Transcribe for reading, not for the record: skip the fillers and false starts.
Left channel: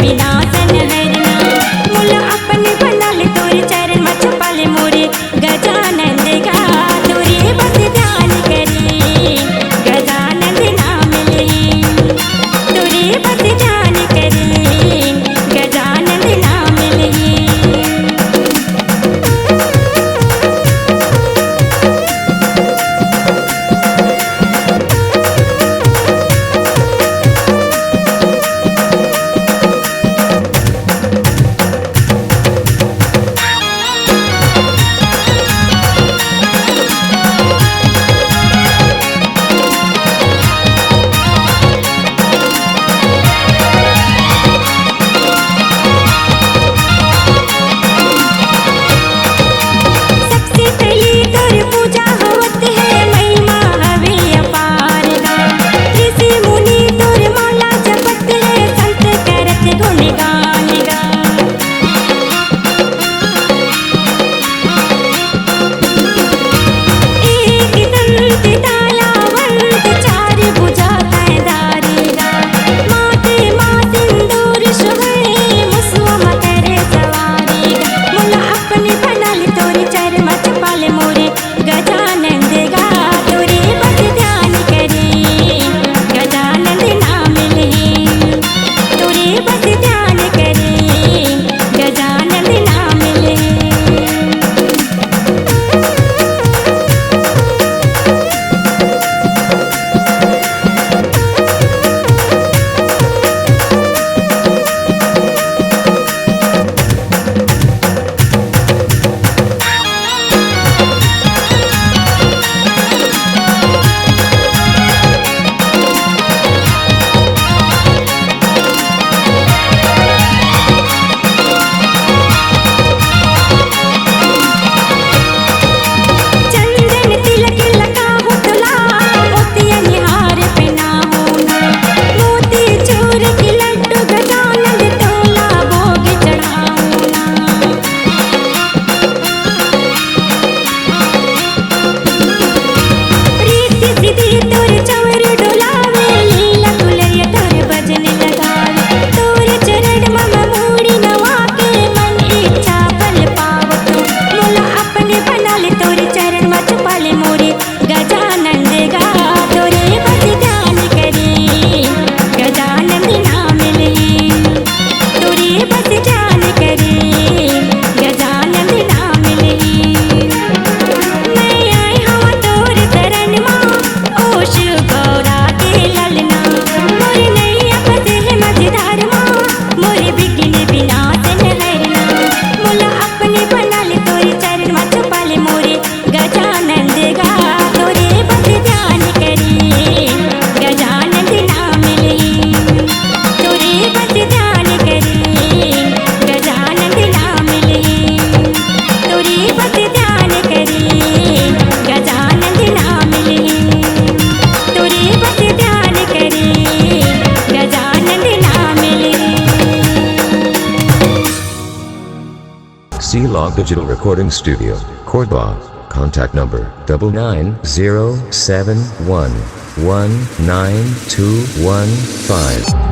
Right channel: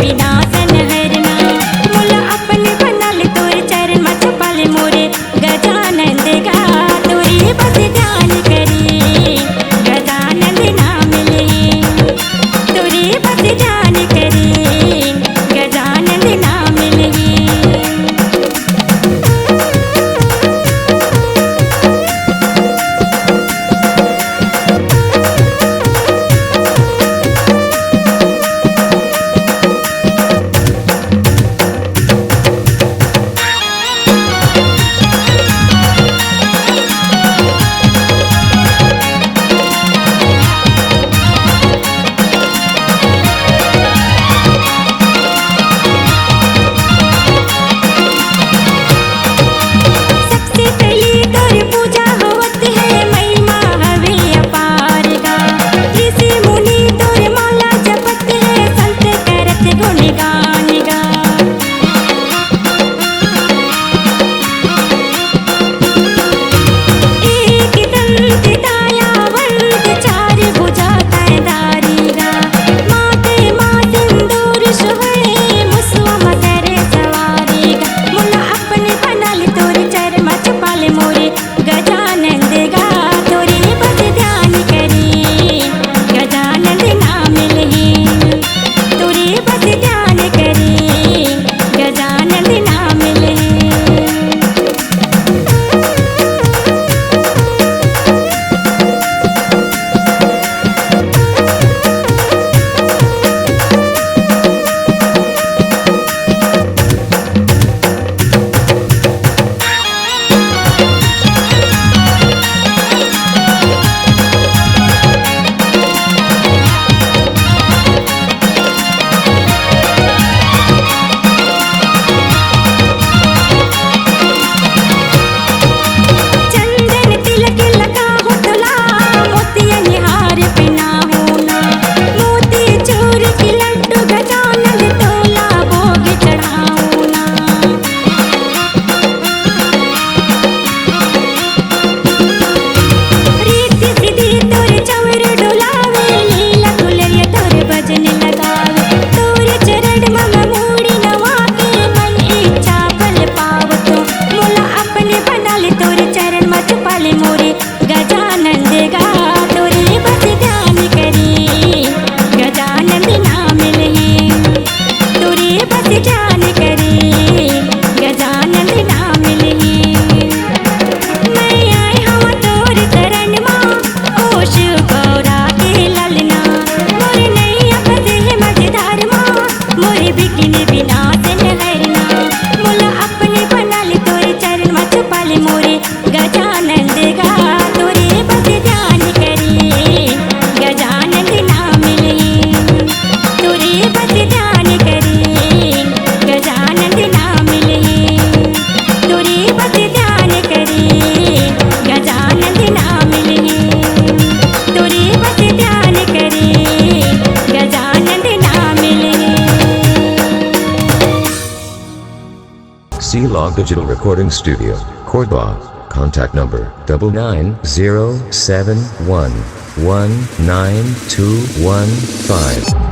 बिना सन हरना मुला अपने बनल तोर चरण में छुपल मोरे गजानंद गा तोरे बस ध्यान करी गजानंद नाम ले तोरे बस ध्यान करी गजानंद नाम ले। मोरे गजानंद गा तोरे बस ध्यान करी गजानंद नाम ले तोरे बस ध्यान करी गजानंद नाम ले। मोरे गजानंद गा तोरे बस ध्यान करी गजानंद नाम ले तोरे बस ध्यान करी गजानंद नाम ले। मैं आई हवा तोर तरन माँ ओश गौरा के ललना मोरे नैया फसे है मझधार माँ मोरे बिगिन बिना सन हरना मुला अपने बनल तोर चरण में छुपल मोरे गजानंद गा तोरे बस ध्यान करी गजानंद नाम ले तोरे बस ध्यान करी गजानंद नाम ले तोरे बस ध्यान करी गजानंद नाम ले तोरे बस ध्यान करी गजानंद नाम ले। C-Log Digital Recording Studio, Cordoba. Contact number 99071192115.